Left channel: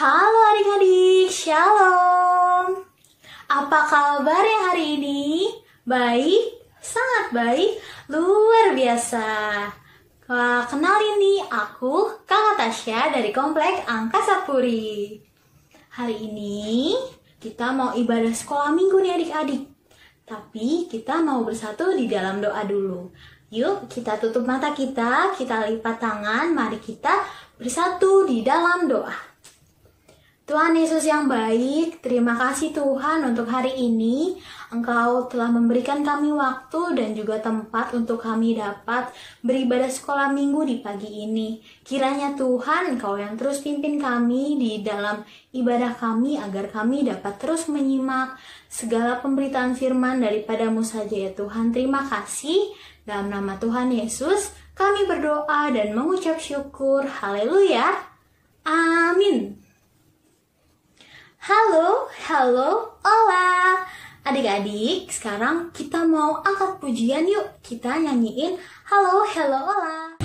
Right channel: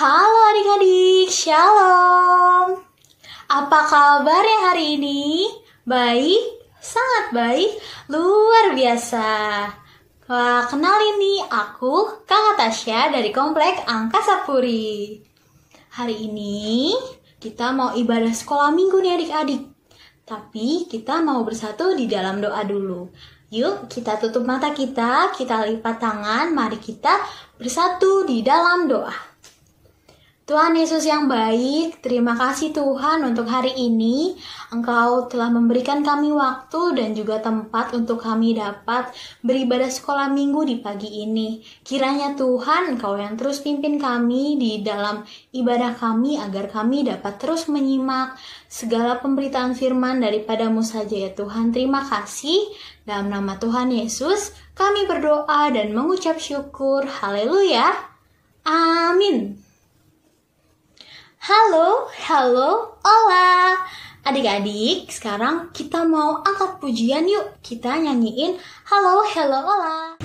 Halo adik-adik, shalom. Apa kabarnya hari ini? Baik, sangat baik, luar biasa. Wah, kenalin nih, aku Kakak Tasya dari Komplek Angkasa Puri. Hari ini kita mau ibadah sekolah minggu nih adik-adik. Tapi kita mau bersatu di dalam doa dulu. Yuk kita tutup mata kita lipat tangan, mari kita bersatu di dalam doa. Tuhan Yesus yang baik, terima kasih Tuhan untuk hari ini. Engkau telah memberikan kami waktu dan juga tempat untuk kami dapat beribadah sekolah minggu di pagi ini. Kiranya Tuhan Engkau yang terus pimpin kami di dalam ibadah kami agar kami dapat terus menyimak segala pemberitaan firman daripadamu saja ya Tuhan. Terima kasih. Dalam nama Tuhan Yesus kami berdoa dan mengucap syukur. Haleluya. Amin. Halo, hola. Adik-adik, sekarang kita mau angkat pujian yuk. Kita nyanyiin halo, hola.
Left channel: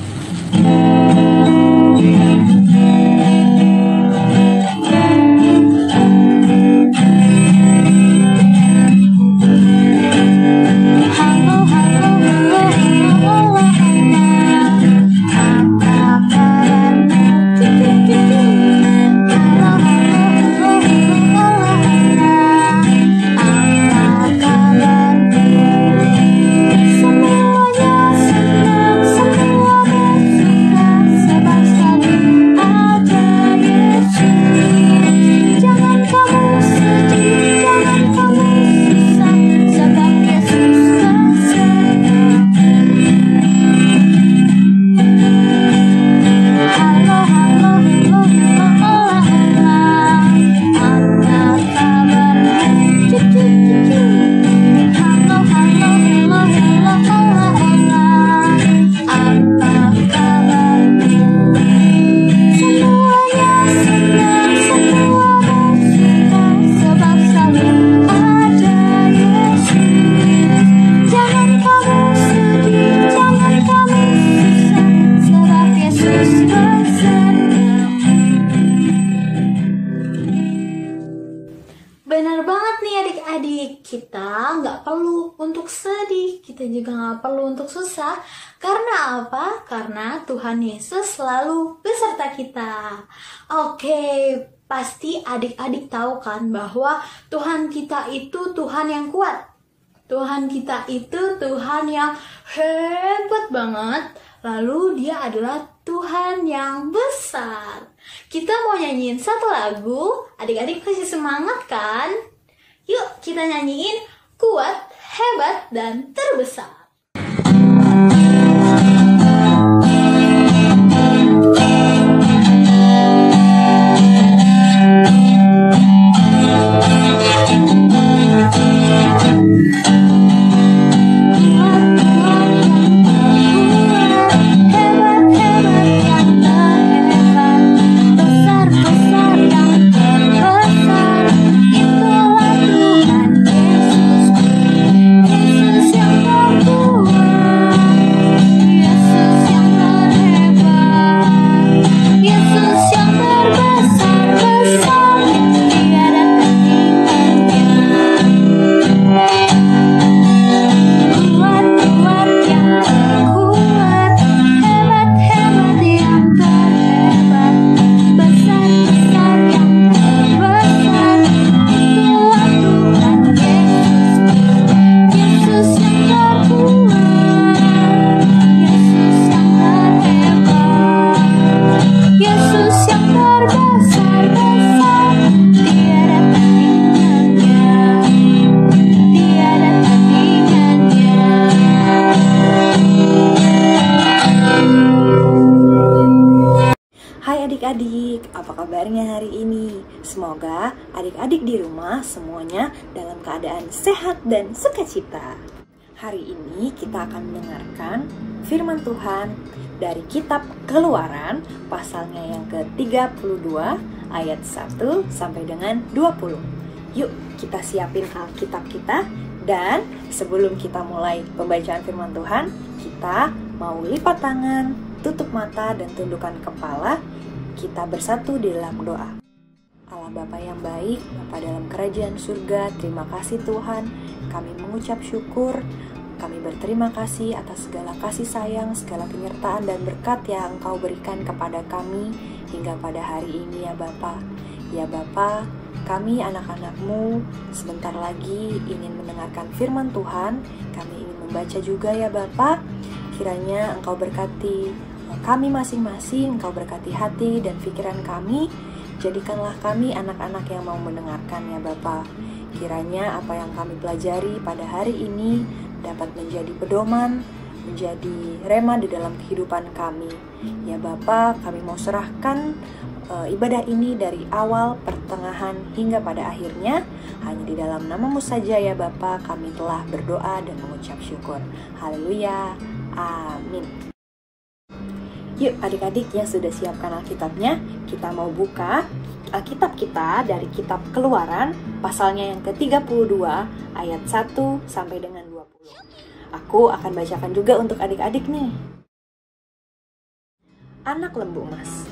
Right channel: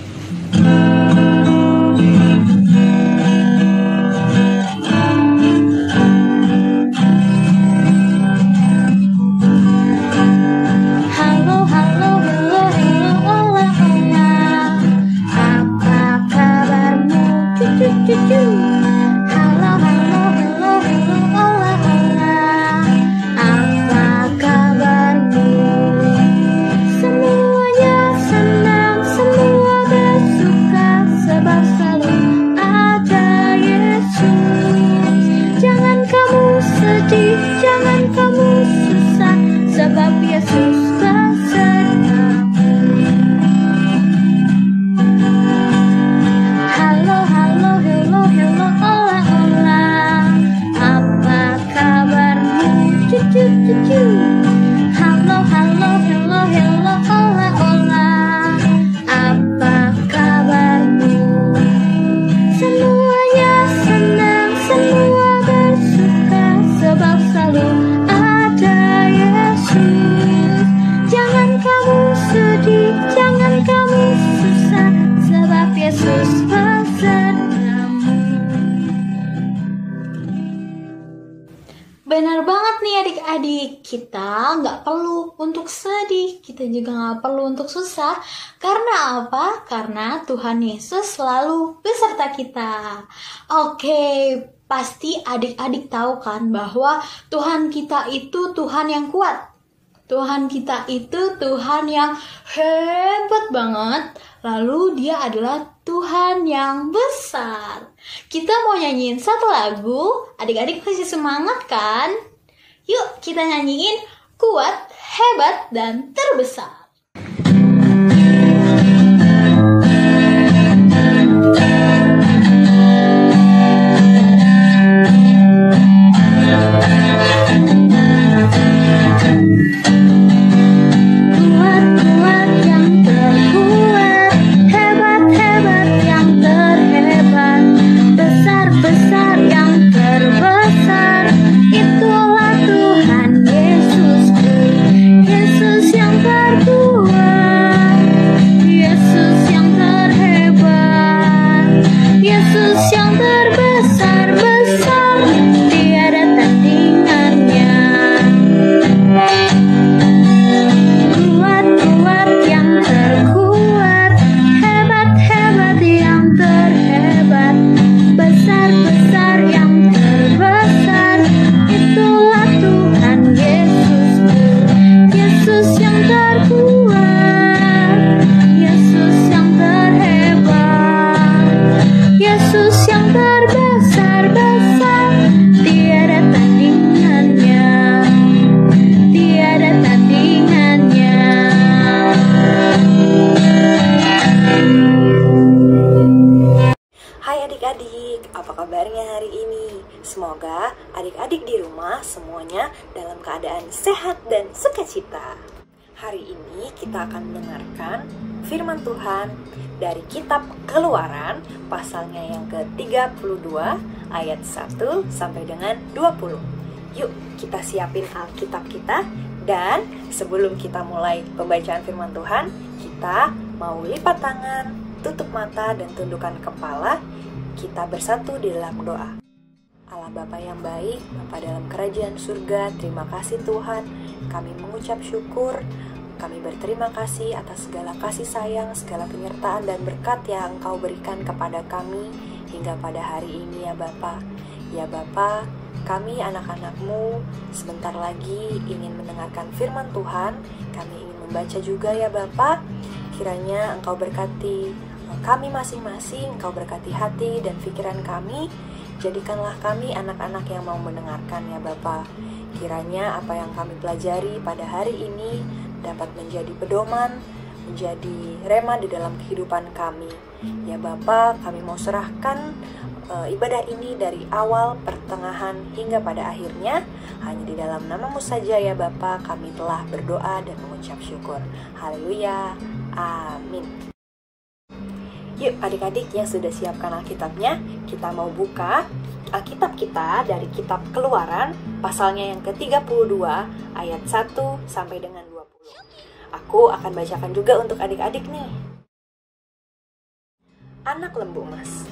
Benar banget nih adik-adik, kita nggak perlu untuk sedih, kita juga nggak perlu untuk susah. Karena apa? Karena Tuhan Yesus selalu beserta kita. Oke, pasti adik-adik tahu kan bahwa Tuhan kita itu Tuhan yang kuat. Tuhan kita itu Tuhan yang hebat banget. Lalu dia adalah Tuhan yang besar. Kita mau nyanyiin satu lagu. Adik-adik masih semangat kan? Yuk kita nyanyiin Kuat, Hebat, dan Terbesar. Adik-adik, apa kabarnya hari ini? Semoga adik-adik di rumah semuanya dalam keadaan sehat dan sukacita. Hari ini kita akan mendengarkan firman Tuhan dari kitab Keluaran pasalnya yang ke-32 ayat 1 sampai dengan 20. Yuk kita siapin Alkitab kita, dan sebelum kita mulai pembacaan firman Tuhan, kita mau lipat tangan, tutup mata dan tundukkan kepala. Kita bersatu di dalam doa. Allah Bapa yang baik, Bapa dalam kerajaan surga, terima kasih Tuhan. Kami mengucap syukur, kami berterima kasih atas segala kasih sayang, segala penyertaan dan berkat yang Engkau berikan kepada kami hingga pada hari ini ya Bapa. Ya Bapa, kami anak-anak-Mu sebentar lagi ingin mendengarkan firman Tuhan, kami ingin membaca juga ya Bapa. Kiranya Engkau berkati kami masing-masing, Engkau berkati hati dan pikiran kami. Jadikanlah kami anak-anak yang mau mendengarkan ya Bapa. Kiranya apa yang kami pelajari pada hari ini dapat menjadi pedoman, menjadi rema di dalam kehidupan kami. Ya Bapa, kami mau serahkan ibadah ini dari awal, pertengahan, hingga pada akhirnya. Hanya di dalam nama-Mu saja ya Bapa, kami telah berdoa dan mengucap syukur. Haleluya, amin. Yuk adik-adik yang sudah siapkan Alkitabnya, kita mau buka Alkitab kita dari kitab Keluaran, pasalnya yang ke-32, ayat 1 sampai dengan 20. Aku akan bacakan juga untuk adik-adik nih. Anak lembu emas.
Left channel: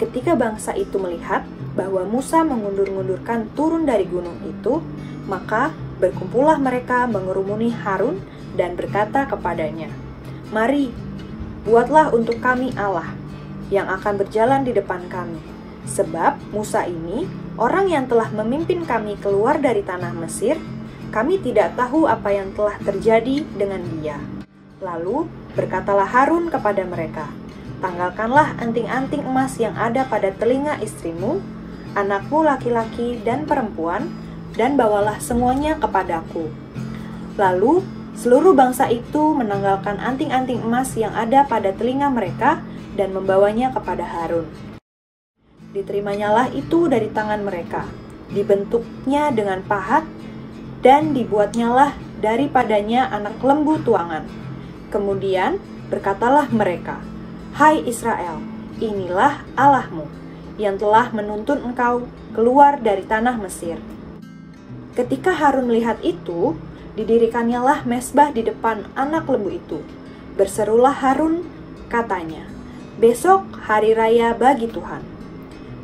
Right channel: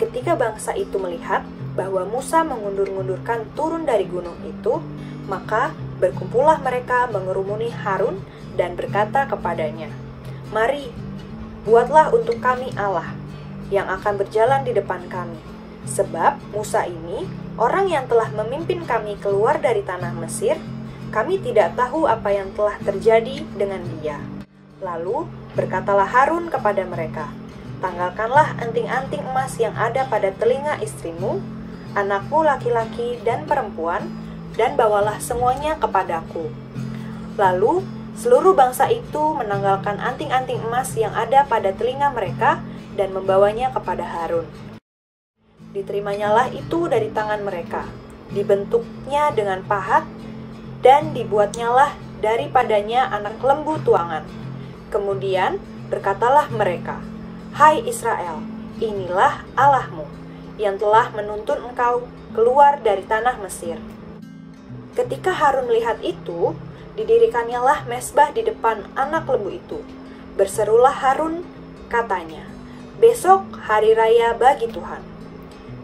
Ketika bangsa itu melihat bahwa Musa mengundur-undurkan turun dari gunung itu, maka berkumpullah mereka mengerumuni Harun dan berkata kepadanya, "Mari, buatlah untuk kami Allah yang akan berjalan di depan kami. Sebab Musa ini, orang yang telah memimpin kami keluar dari tanah Mesir, kami tidak tahu apa yang telah terjadi dengan dia." Lalu berkatalah Harun kepada mereka, "Tanggalkanlah anting-anting emas yang ada pada telinga istrimu, anakmu laki-laki dan perempuan, dan bawalah semuanya kepadaku." Lalu seluruh bangsa itu menanggalkan anting-anting emas yang ada pada telinga mereka dan membawanya kepada Harun. Diterimanya itu dari tangan mereka, dibentuknya dengan pahat, dan dibuatnyalah daripadanya anak lembu tuangan. Kemudian berkatalah mereka, "Hai Israel, inilah Allahmu, yang telah menuntun engkau keluar dari tanah Mesir." Ketika Harun melihat itu, didirikannya mezbah di depan anak lembu itu. Berserulah Harun, katanya, "Besok hari raya bagi Tuhan."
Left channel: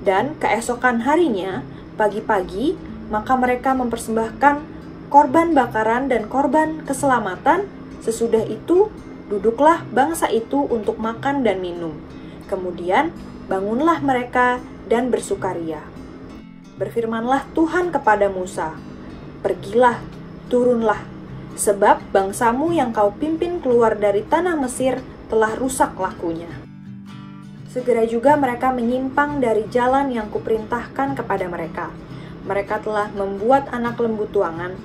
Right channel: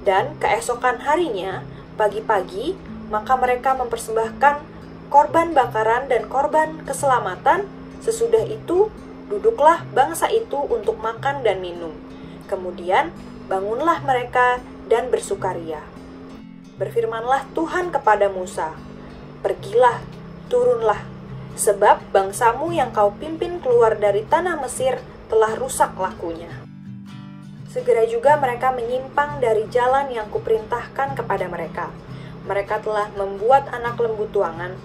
Dan keesokan harinya, pagi-pagi, maka mereka mempersembahkan korban bakaran dan korban keselamatan. Sesudah itu, duduklah bangsa itu untuk makan dan minum. Kemudian, bangunlah mereka dan bersukaria. Berfirmanlah Tuhan kepada Musa, "Pergilah, turunlah, sebab bangsamu yang kau pimpin keluar dari tanah Mesir telah rusak lakunya." Segera juga mereka menyimpang dari jalan yang kuperintahkan kepada mereka. Mereka telah membuat anak lembu tuangan,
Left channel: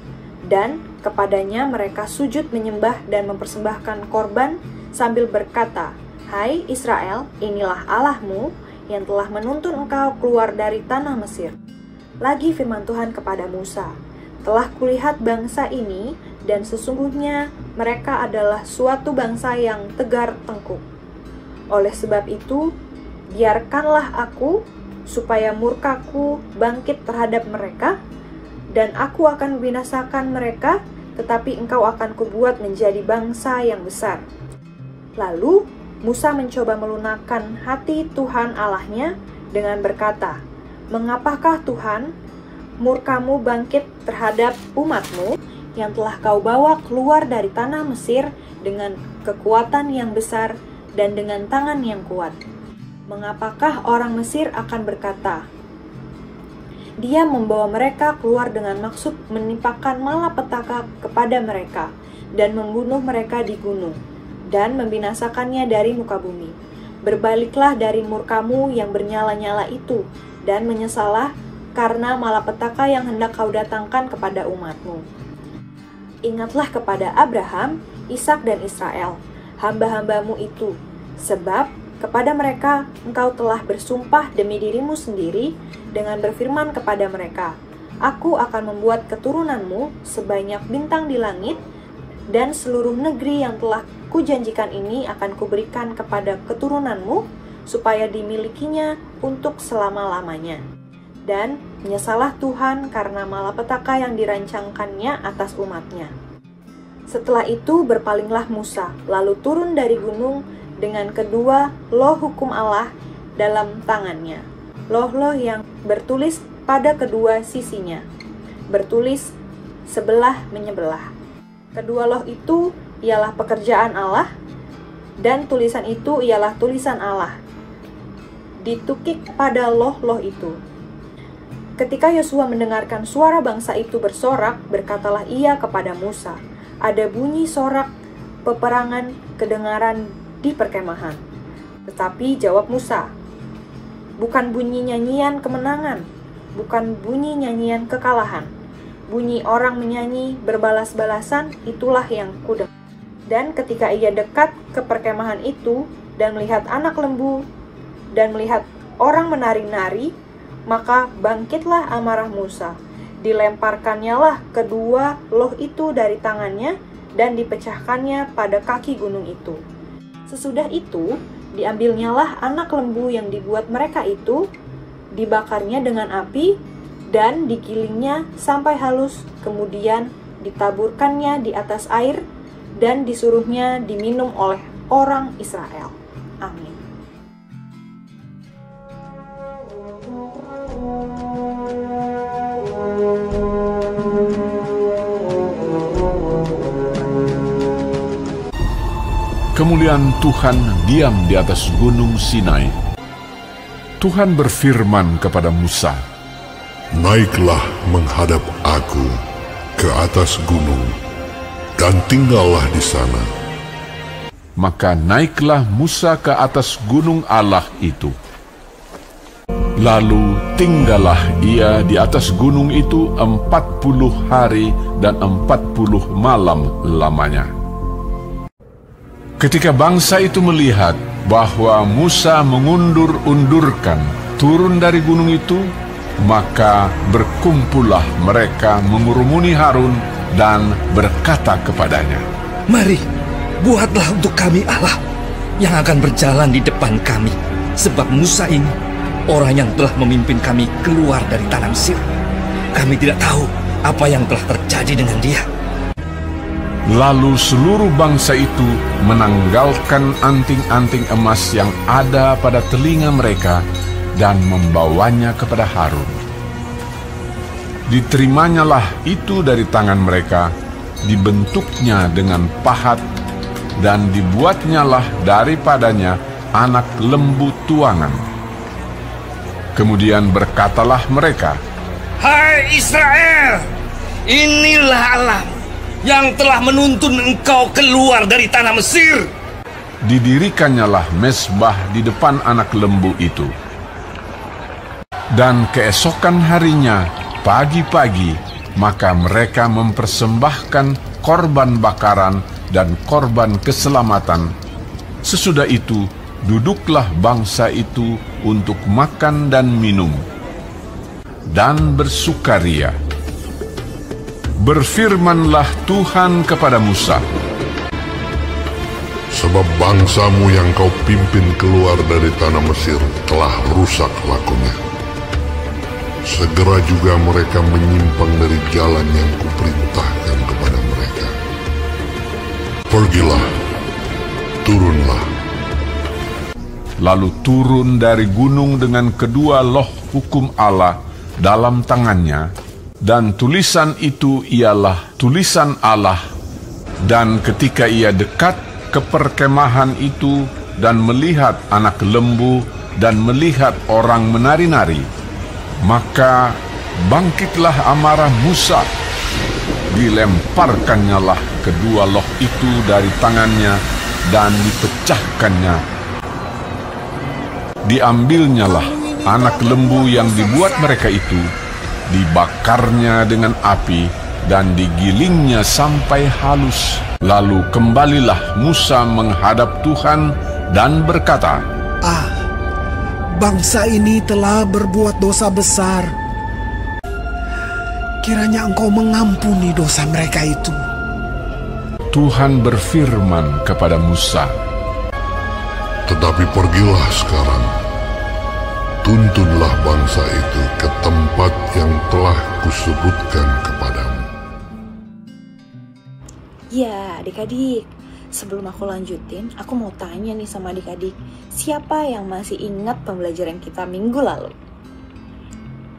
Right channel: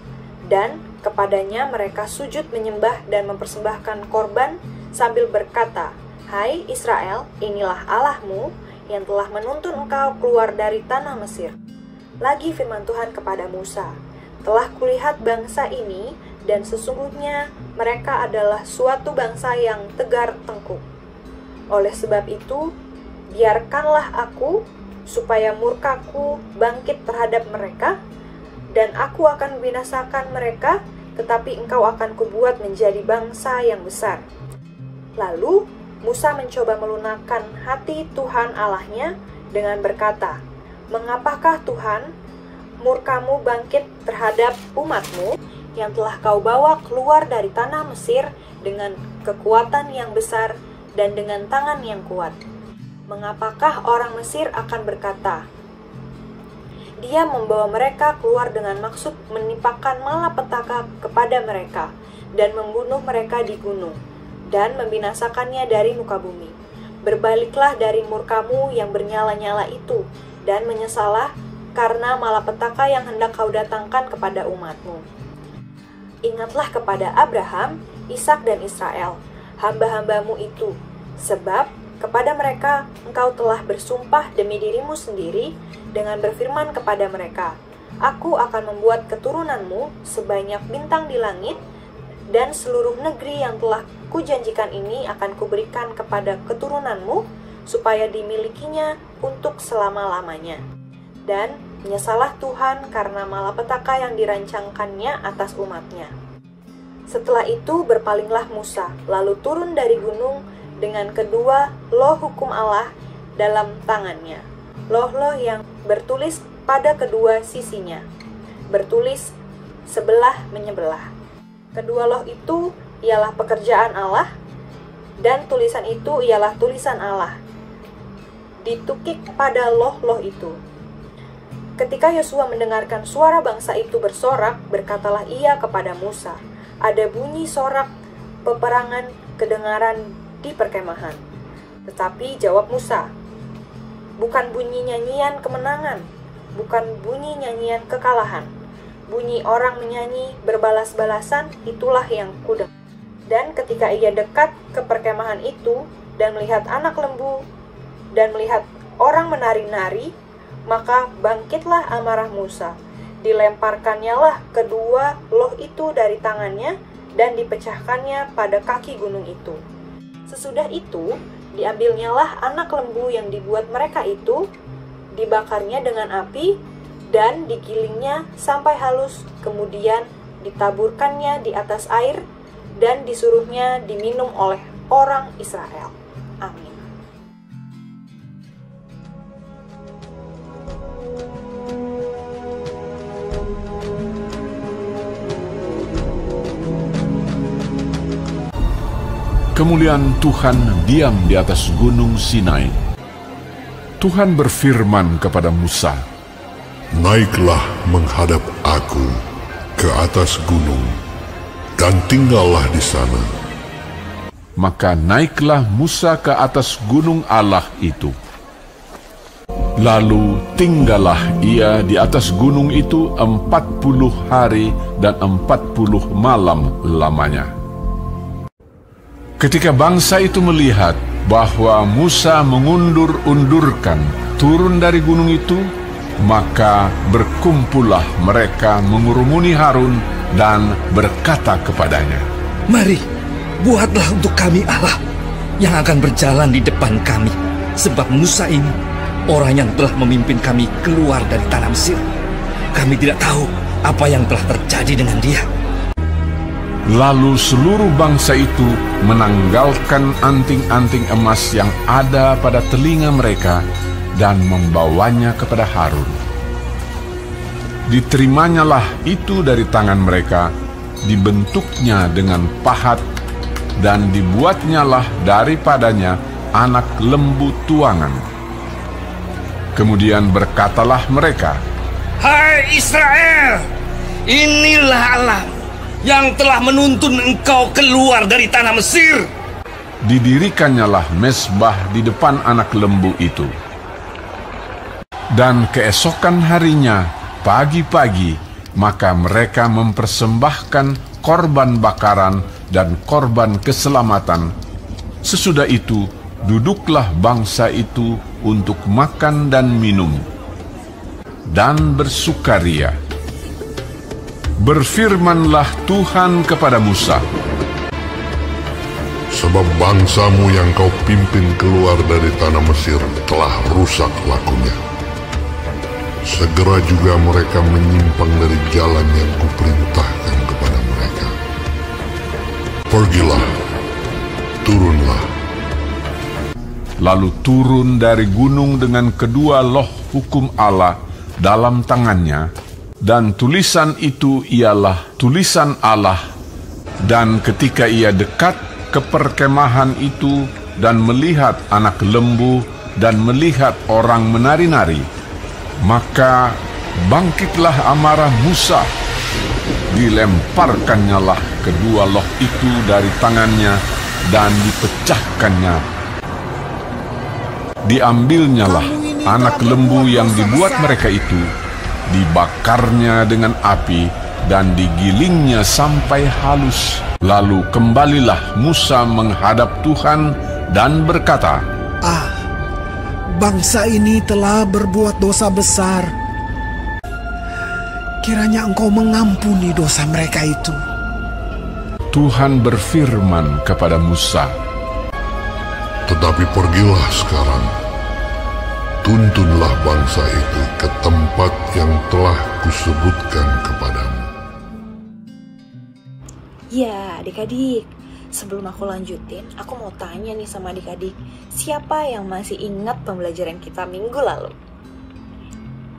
dan kepadanya mereka sujud menyembah dan mempersembahkan korban sambil berkata, "Hai Israel, inilah Allahmu yang telah menuntun engkau keluar dari tanah Mesir." Lagi firman Tuhan kepada Musa, "Telah kulihat bangsa ini, dan sesungguhnya mereka adalah suatu bangsa yang tegar tengkuk. Oleh sebab itu, biarkanlah aku, supaya murkaku bangkit terhadap mereka, dan aku akan binasakan mereka, tetapi engkau akan kubuat menjadi bangsa yang besar." Lalu Musa mencoba melunakkan hati Tuhan Allahnya dengan berkata, "Mengapakah Tuhan, murkamu bangkit terhadap umatmu yang telah kau bawa keluar dari tanah Mesir dengan kekuatan yang besar dan dengan tangan yang kuat? Mengapakah orang Mesir akan berkata, 'Dia membawa mereka keluar dengan maksud menimpakan malapetaka kepada mereka dan membunuh mereka di gunung dan membinasakannya dari muka bumi?' Berbaliklah dari murkamu yang bernyala-nyala itu dan menyesalah karena malapetaka yang hendak kau datangkan kepada umatmu. Ingatlah kepada Abraham, Ishak dan Israel, hamba-hambamu itu, sebab kepada mereka engkau telah bersumpah demi dirimu sendiri dengan berfirman kepada mereka, 'Aku akan membuat keturunanmu sebanyak bintang di langit, dan seluruh negeri yang telah kujanjikan ini akan kuberikan kepada keturunanmu, supaya dimilikinya untuk selama-lamanya.' Dan menyesalah Tuhan karena malapetaka yang dirancangkannya atas umatnya. Setelah itu berpalinglah Musa, lalu turun dari gunung dengan kedua loh hukum Allah dalam tangannya. loh-loh yang bertulis pada kedua sisinya, bertulis sebelah menyebelah. Kedua loh itu ialah pekerjaan Allah, dan tulisan itu ialah tulisan Allah, ditukik pada loh-loh itu. Ketika Yosua mendengarkan suara bangsa itu bersorak, berkatalah ia kepada Musa, "Ada bunyi sorak peperangan kedengaran di perkemahan." Tetapi jawab Musa, "Bukan bunyi nyanyian kemenangan, bukan bunyi nyanyian kekalahan. Bunyi orang menyanyi berbalas-balasan, itulah yang kudengar." Dan ketika ia dekat ke perkemahan itu dan melihat anak lembu dan melihat orang menari-nari, maka bangkitlah amarah Musa. Dilemparkannyalah kedua loh itu dari tangannya dan dipecahkannya pada kaki gunung itu. Sesudah itu, diambilnyalah anak lembu yang dibuat mereka itu, dibakarnya dengan api, dan digilingnya sampai halus, kemudian ditaburkannya di atas air, dan disuruhnya diminum oleh orang Israel. Amin. Kemuliaan Tuhan diam di atas gunung Sinai. Tuhan berfirman kepada Musa, "Naiklah menghadap aku ke atas gunung, dan tinggallah di sana." Maka naiklah Musa ke atas gunung Allah itu. Lalu tinggallah ia di atas gunung itu 40 hari dan 40 malam lamanya. Ketika bangsa itu melihat bahwa Musa mengundur-undurkan turun dari gunung itu, maka berkumpullah mereka mengurumuni Harun dan berkata kepadanya, "Mari, buatlah untuk kami Allah yang akan berjalan di depan kami, sebab Musa ini orang yang telah memimpin kami keluar dari tanah Mesir. Kami tidak tahu apa yang telah terjadi dengan dia." Lalu seluruh bangsa itu menanggalkan anting-anting emas yang ada pada telinga mereka dan membawanya kepada Harun. Diterimanya itu dari tangan mereka, dibentuknya dengan pahat, dan dibuatnyalah daripadanya anak lembu tuangan. Kemudian berkatalah mereka, "Hai Israel, inilah Allahmu yang telah menuntun engkau keluar dari tanah Mesir." Didirikannya mezbah di depan anak lembu itu. Dan keesokan harinya, pagi-pagi, maka mereka mempersembahkan korban bakaran dan korban keselamatan. Sesudah itu, duduklah bangsa itu untuk makan dan minum, dan bersukaria. Berfirmanlah Tuhan kepada Musa, "Sebab bangsamu yang kau pimpin keluar dari tanah Mesir telah rusak lakunya. Segera juga mereka menyimpang dari jalan yang kuperintahkan kepada mereka. Pergilah, turunlah." Lalu turun dari gunung dengan kedua loh hukum Allah dalam tangannya, dan tulisan itu ialah tulisan Allah. Dan ketika ia dekat ke perkemahan itu dan melihat anak lembu dan melihat orang menari-nari, maka bangkitlah amarah Musa. Dilemparkannyalah kedua loh itu dari tangannya dan dipecahkannya. Diambilnyalah anak lembu yang dibuat mereka itu, dibakarnya dengan api, dan digilingnya sampai halus. Lalu kembalilah Musa menghadap Tuhan dan berkata, Bangsa ini telah berbuat dosa besar. Kiranya Engkau mengampuni dosa mereka itu." Tuhan berfirman kepada Musa, "Tetapi pergilah sekarang, tuntunlah bangsa itu ke tempat yang telah kusebutkan kepadamu." Ya, adik-adik, sebelum aku lanjutin, aku mau tanya nih sama adik-adik, siapa yang masih ingat pembelajaran kita minggu lalu?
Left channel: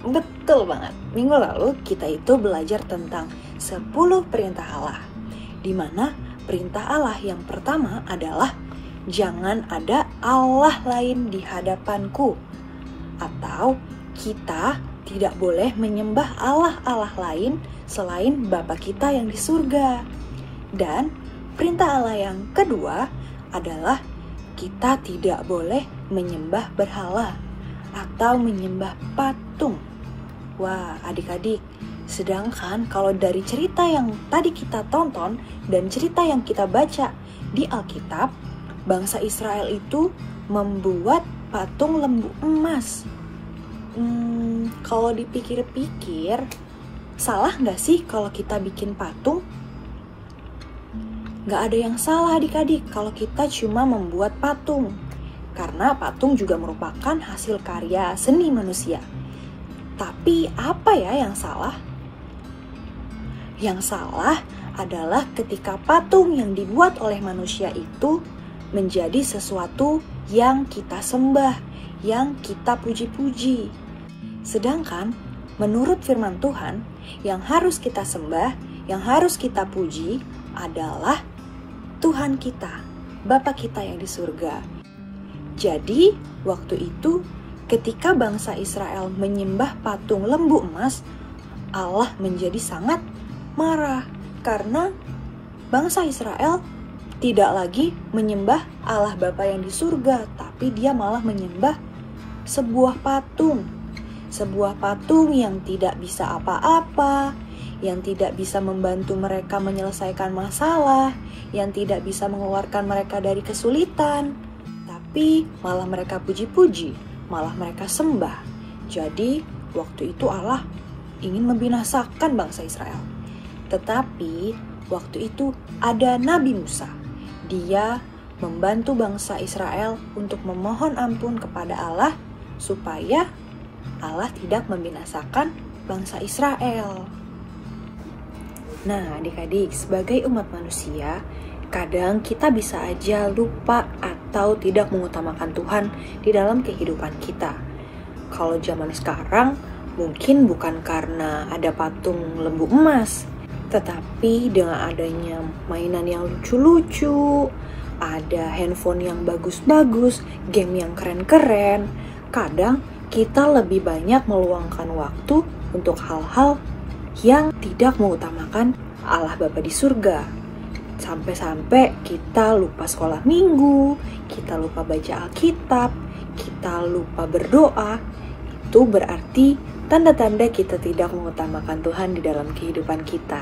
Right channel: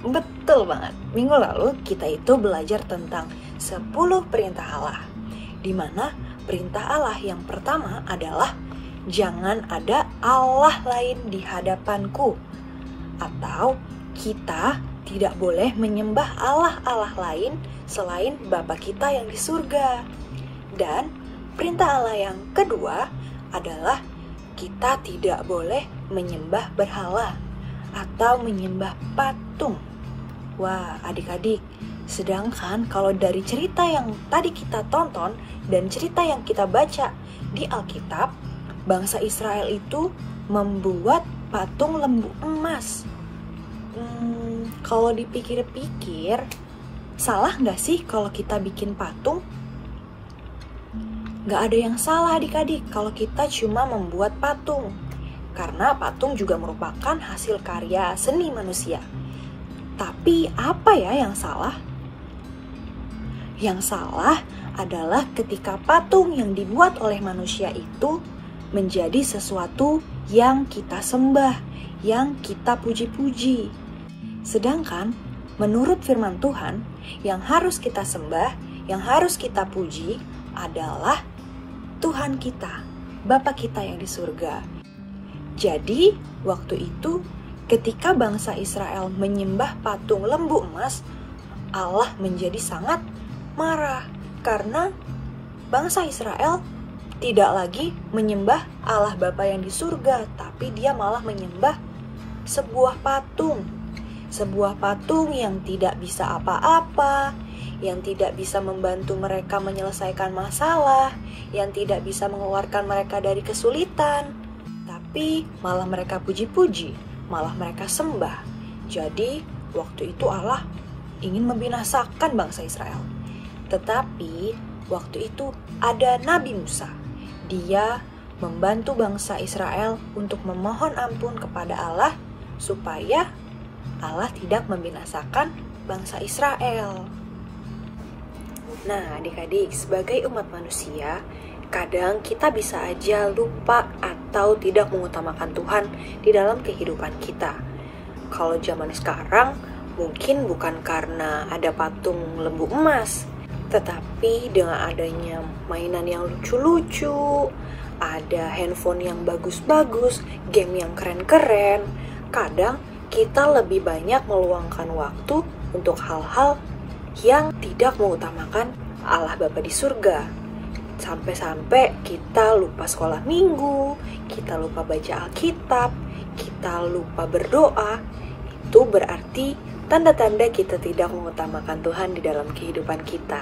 Betul banget. Minggu lalu kita itu belajar tentang 10 perintah Allah. Di mana perintah Allah yang pertama adalah jangan ada Allah lain di hadapanku. Atau kita tidak boleh menyembah Allah-Allah lain selain Bapa kita yang di surga. Dan perintah Allah yang kedua adalah kita tidak boleh menyembah berhala atau menyembah patung. Wah, adik-adik, sedangkan kalau dari cerita yang tadi kita tonton dan cerita yang kita baca di Alkitab, bangsa Israel itu membuat patung lembu emas. Kalau dipikir-pikir, salah nggak sih kalau kita bikin patung? Nggak ada yang salah adik-adik kalau kita cuma membuat patung. Karena patung juga merupakan hasil karya seni manusia. Tapi apa ya yang salah? Yang salah adalah ketika patung yang dibuat oleh manusia itu menjadi sesuatu yang kita sembah, yang kita puji-puji. Sedangkan menurut firman Tuhan, yang harus kita sembah, yang harus kita puji adalah Tuhan kita, Bapa kita yang di surga. Jadi waktu itu ketika bangsa Israel menyembah patung lembu emas, Allah menjadi sangat marah karena bangsa Israel tidak lagi menyembah Allah Bapa yang di surga, tapi dia malah menyembah sebuah patung. Sebuah patung yang tidak bisa apa-apa, yang tidak bisa membantu mereka menyelesaikan masalah, yang tidak bisa mengeluarkan mereka dari kesulitan, tapi malah mereka puji-puji, malah mereka sembah. Jadi waktu itu Allah ingin membinasakan bangsa Israel. Tetapi waktu itu ada Nabi Musa. Dia membantu bangsa Israel untuk memohon ampun kepada Allah supaya Allah tidak membinasakan bangsa Israel. Nah, adik-adik, sebagai umat manusia, kadang kita bisa aja lupa atau tidak mengutamakan Tuhan di dalam kehidupan kita. Kalau zaman sekarang, mungkin bukan karena ada patung lembu emas, tetapi dengan adanya mainan yang lucu-lucu, ada handphone yang bagus-bagus, game yang keren-keren, kadang kita lebih banyak meluangkan waktu untuk hal-hal yang tidak mengutamakan Allah Bapa di surga. Sampai-sampai kita lupa sekolah minggu, kita lupa baca Alkitab, kita lupa berdoa. Itu berarti tanda-tanda kita tidak mengutamakan Tuhan di dalam kehidupan kita.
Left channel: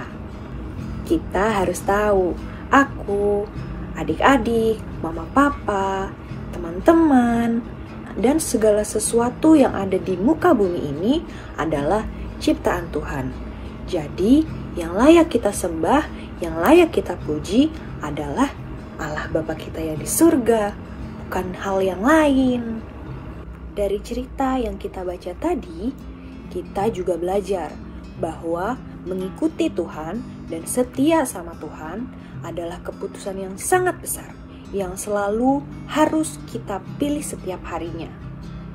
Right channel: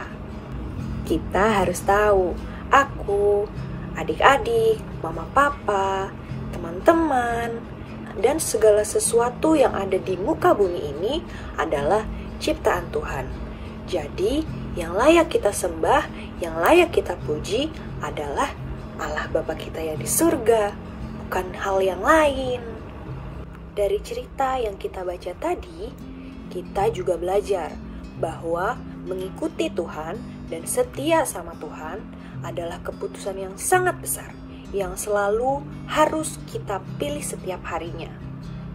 Kita harus tahu, aku, adik-adik, mama papa, teman-teman, dan segala sesuatu yang ada di muka bumi ini adalah ciptaan Tuhan. Jadi, yang layak kita sembah, yang layak kita puji adalah Allah Bapa kita yang di surga, bukan hal yang lain. Dari cerita yang kita baca tadi, kita juga belajar bahwa mengikuti Tuhan dan setia sama Tuhan adalah keputusan yang sangat besar, yang selalu harus kita pilih setiap harinya.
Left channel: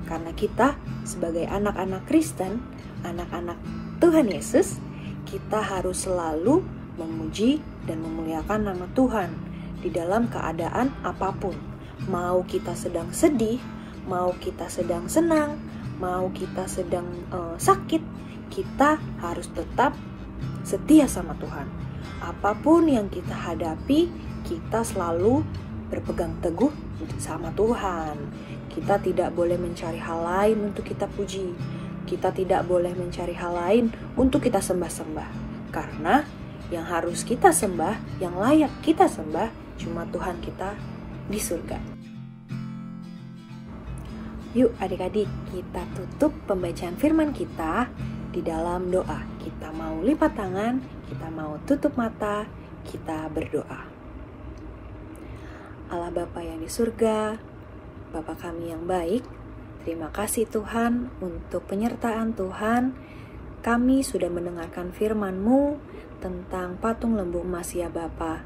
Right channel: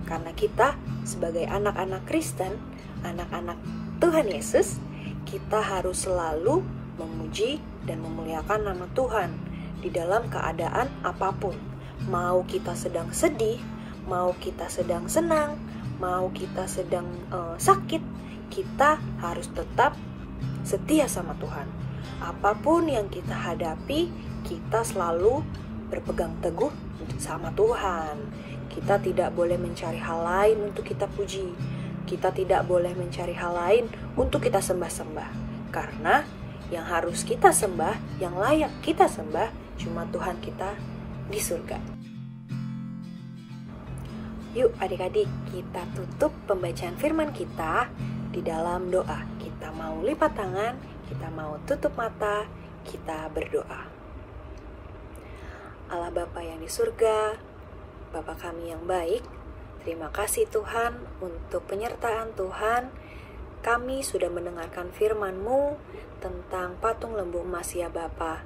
Karena kita sebagai anak-anak Kristen, anak-anak Tuhan Yesus, kita harus selalu memuji dan memuliakan nama Tuhan di dalam keadaan apapun. Mau kita sedang sedih, mau kita sedang senang, mau kita sedang sakit, kita harus tetap setia sama Tuhan. Apapun yang kita hadapi, kita selalu berpegang teguh sama Tuhan. Kita tidak boleh mencari hal lain untuk kita puji. Kita tidak boleh mencari hal lain untuk kita sembah-sembah. Karena yang harus kita sembah, yang layak kita sembah, cuma Tuhan kita di surga. Yuk adik-adik, kita tutup pembacaan firman kita di dalam doa. Kita mau lipat tangan, kita mau tutup mata, kita berdoa. Allah Bapa yang di surga, Bapa kami yang baik, terima kasih Tuhan untuk penyertaan Tuhan. Kami sudah mendengarkan firman-Mu tentang patung lembu emas ya Bapa.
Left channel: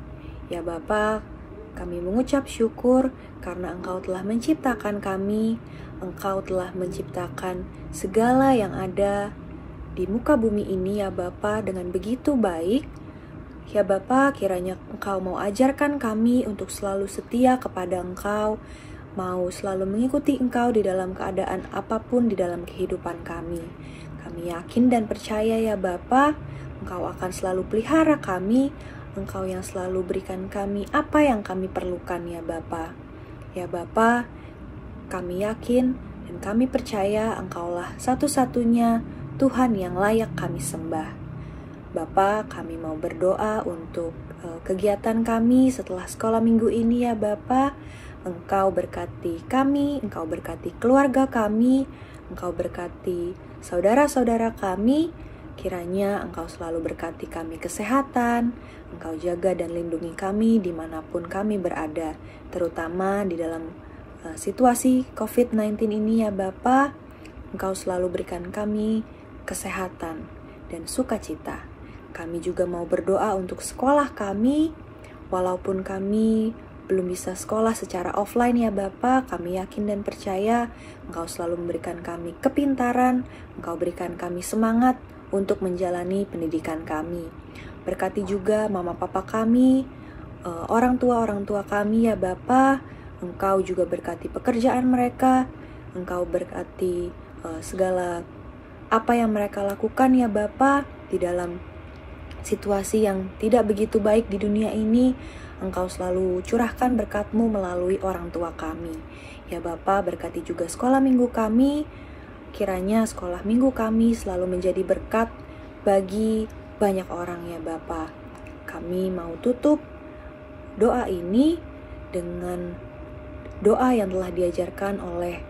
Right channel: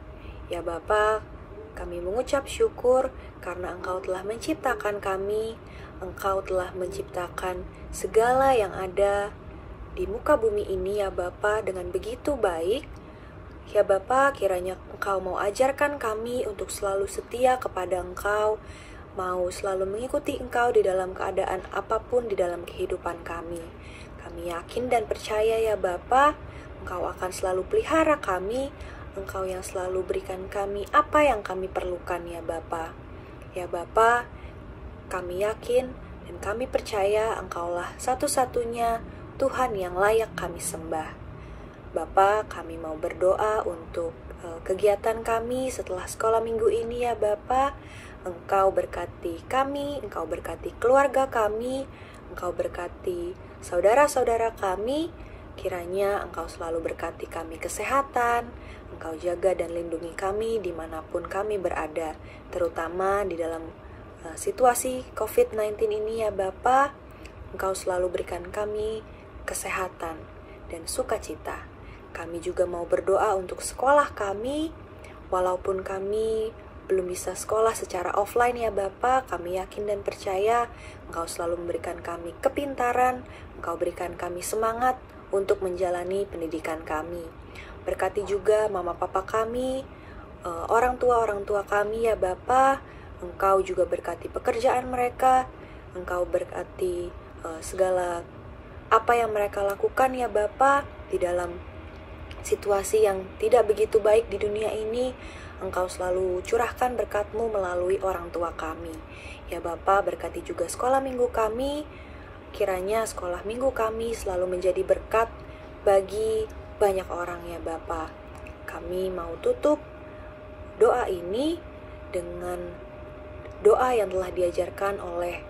Ya Bapa, kami mengucap syukur karena Engkau telah menciptakan kami. Engkau telah menciptakan segala yang ada di muka bumi ini ya Bapa dengan begitu baik. Ya Bapa, kiranya Engkau mau ajarkan kami untuk selalu setia kepada Engkau, mau selalu mengikuti Engkau di dalam keadaan apapun di dalam kehidupan kami. Kami yakin dan percaya ya Bapa, Engkau akan selalu pelihara kami, Engkau yang selalu berikan kami apa yang kami perlukan ya Bapa. Ya Bapa, kami yakin dan kami percaya Engkaulah satu-satunya Tuhan yang layak kami sembah. Bapa, kami mau berdoa untuk kegiatan kami setelah sekolah minggu ini ya Bapa. Engkau berkati kami, Engkau berkati keluarga kami, Engkau berkati saudara-saudara kami. Kiranya Engkau selalu berkati kami kesehatan, Engkau jaga dan lindungi kami dimanapun kami berada, terutama di dalam situasi COVID-19 ini ya Bapa. Engkau selalu berikan kami kesehatan dan sukacita. Kami juga mau berdoa untuk sekolah kami, walaupun kami belum bisa sekolah secara offline ya Bapa, kami yakin dan percaya Engkau selalu memberikan kami kepintaran, Engkau berikan kami semangat untuk menjalani pendidikan kami. Berkati juga mama papa kami, orang tua kami ya Bapa. Engkau juga berkati pekerjaan mereka, Engkau berkati segala apa yang mereka lakukan ya Bapa di dalam situasi yang tidak begitu baik di dunia ini. Engkau selalu curahkan berkat-Mu melalui orang tua kami. Ya Bapa, berkati juga sekolah minggu kami. Kiranya sekolah minggu kami selalu menjadi berkat bagi banyak orang ya Bapa. Kami mau tutup doa ini dengan doa yang telah diajarkan oleh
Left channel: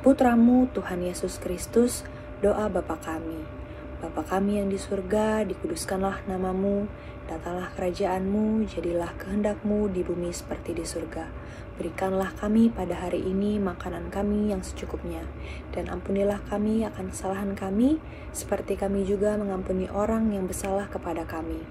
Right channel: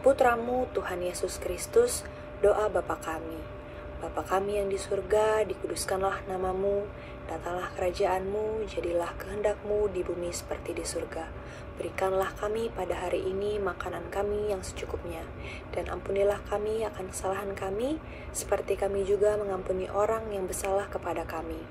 Putra-Mu Tuhan Yesus Kristus, doa Bapa kami. Bapa kami yang di surga, dikuduskanlah nama-Mu, datanglah kerajaan-Mu, jadilah kehendak-Mu di bumi seperti di surga. Berikanlah kami pada hari ini makanan kami yang secukupnya, dan ampunilah kami akan kesalahan kami, seperti kami juga mengampuni orang yang bersalah kepada kami.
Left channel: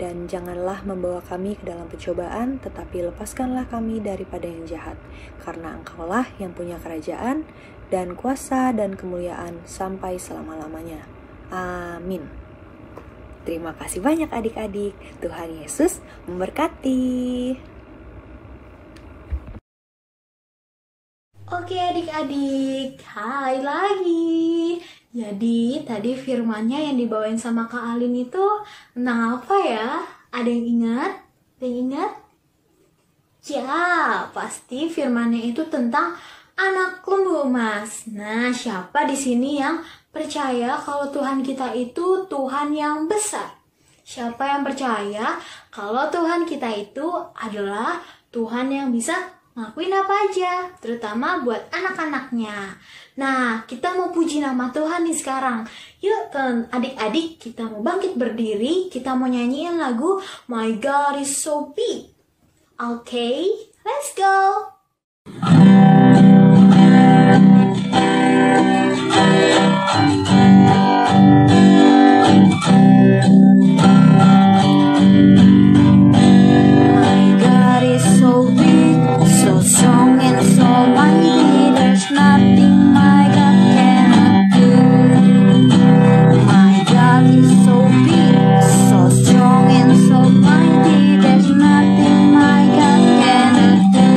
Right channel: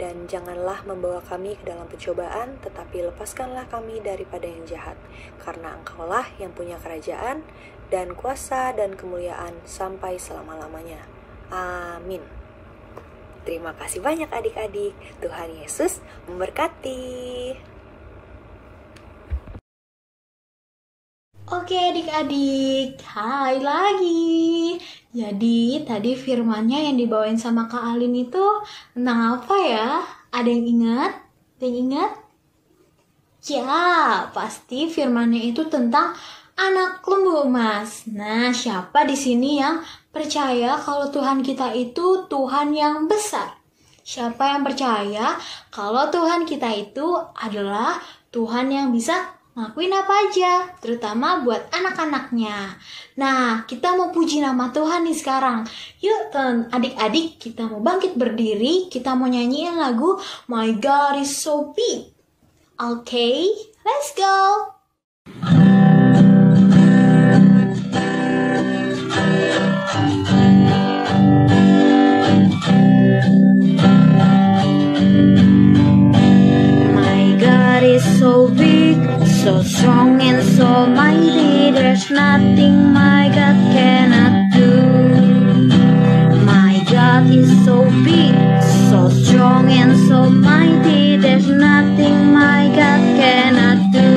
Dan janganlah membawa kami ke dalam pencobaan, tetapi lepaskanlah kami daripada yang jahat, karena Engkaulah yang punya kerajaan, dan kuasa dan kemuliaan sampai selama-lamanya. Amin. Terima kasih banyak adik-adik. Tuhan Yesus memberkati. Oke adik-adik, hai lagi. Jadi tadi firmannya yang dibawain sama Kak Alin itu tentang apa ya? Ada yang ingat? Ada yang ingat? Ya, pasti firmannya itu tentang anak lembu emas. Nah, siapa di sini yang percaya kalau Tuhan kita itu Tuhan yang besar? Siapa yang percaya kalau Tuhan kita itu adalah Tuhan yang bisa ngakuin apa aja, terutama buat anak-anaknya. Nah, kita mau puji nama Tuhan nih sekarang. Yuk, adik-adik, kita mau bangkit berdiri, kita mau nyanyiin lagu My God is so big. Okay, let's go. So big, so strong and so mighty, there's nothing my God cannot do. My God is so big, so strong and so mighty, there's nothing my God cannot do.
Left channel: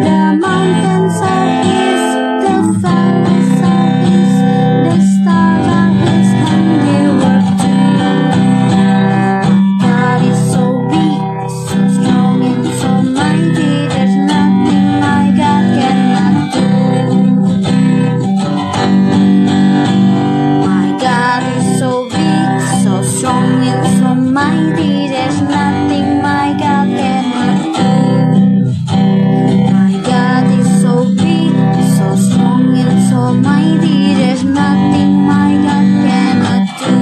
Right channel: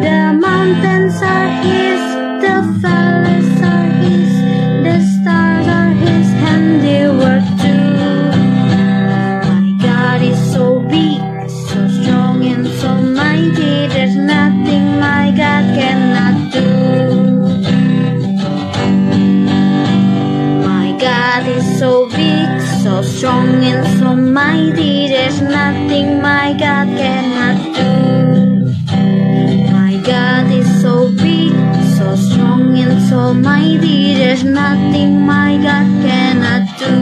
The mountains are His, the valleys are His, the stars are His handiwork too. My God is so big, so strong and so mighty, there's nothing my God cannot do. My God is so big, so strong and so mighty, there's nothing my God cannot do. My God is so big, so strong and so mighty, there's nothing my God cannot do.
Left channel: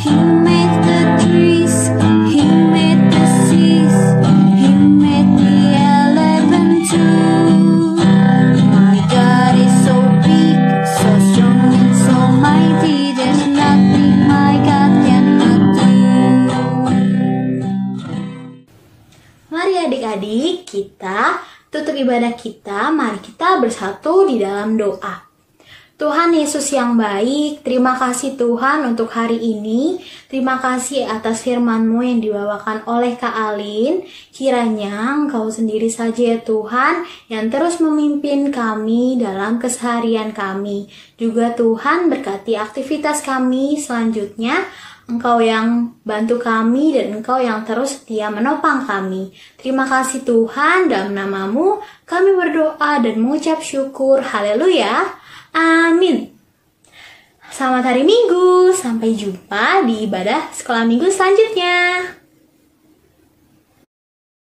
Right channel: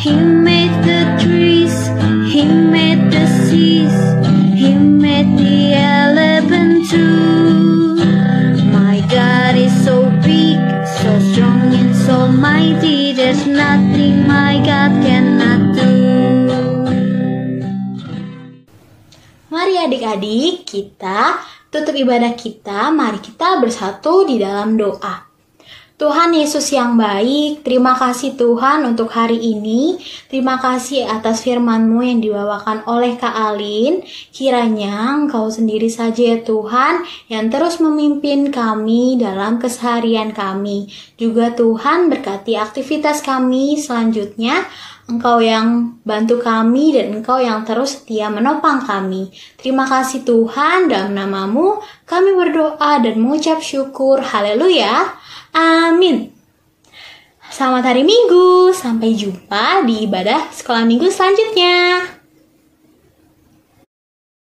He made the trees, He made the seas, He made the elephant too. My God is so big, so strong and so mighty, there's nothing my God cannot do. Mari adik-adik, kita tutup ibadah kita, mari kita bersatu di dalam doa. Tuhan Yesus yang baik, terima kasih Tuhan untuk hari ini. Terima kasih atas firman-Mu yang dibawakan oleh Kak Alin. Kiranya Engkau sendiri saja ya Tuhan yang terus memimpin kami dalam keseharian kami. Juga Tuhan berkati aktivitas kami selanjutnya. Engkau yang bantu kami dan Engkau yang terus setia menopang kami. Terima kasih Tuhan, dalam nama-Mu kami berdoa dan mengucap syukur. Haleluya. Amin. Selamat hari Minggu. Sampai jumpa di ibadah sekolah minggu selanjutnya.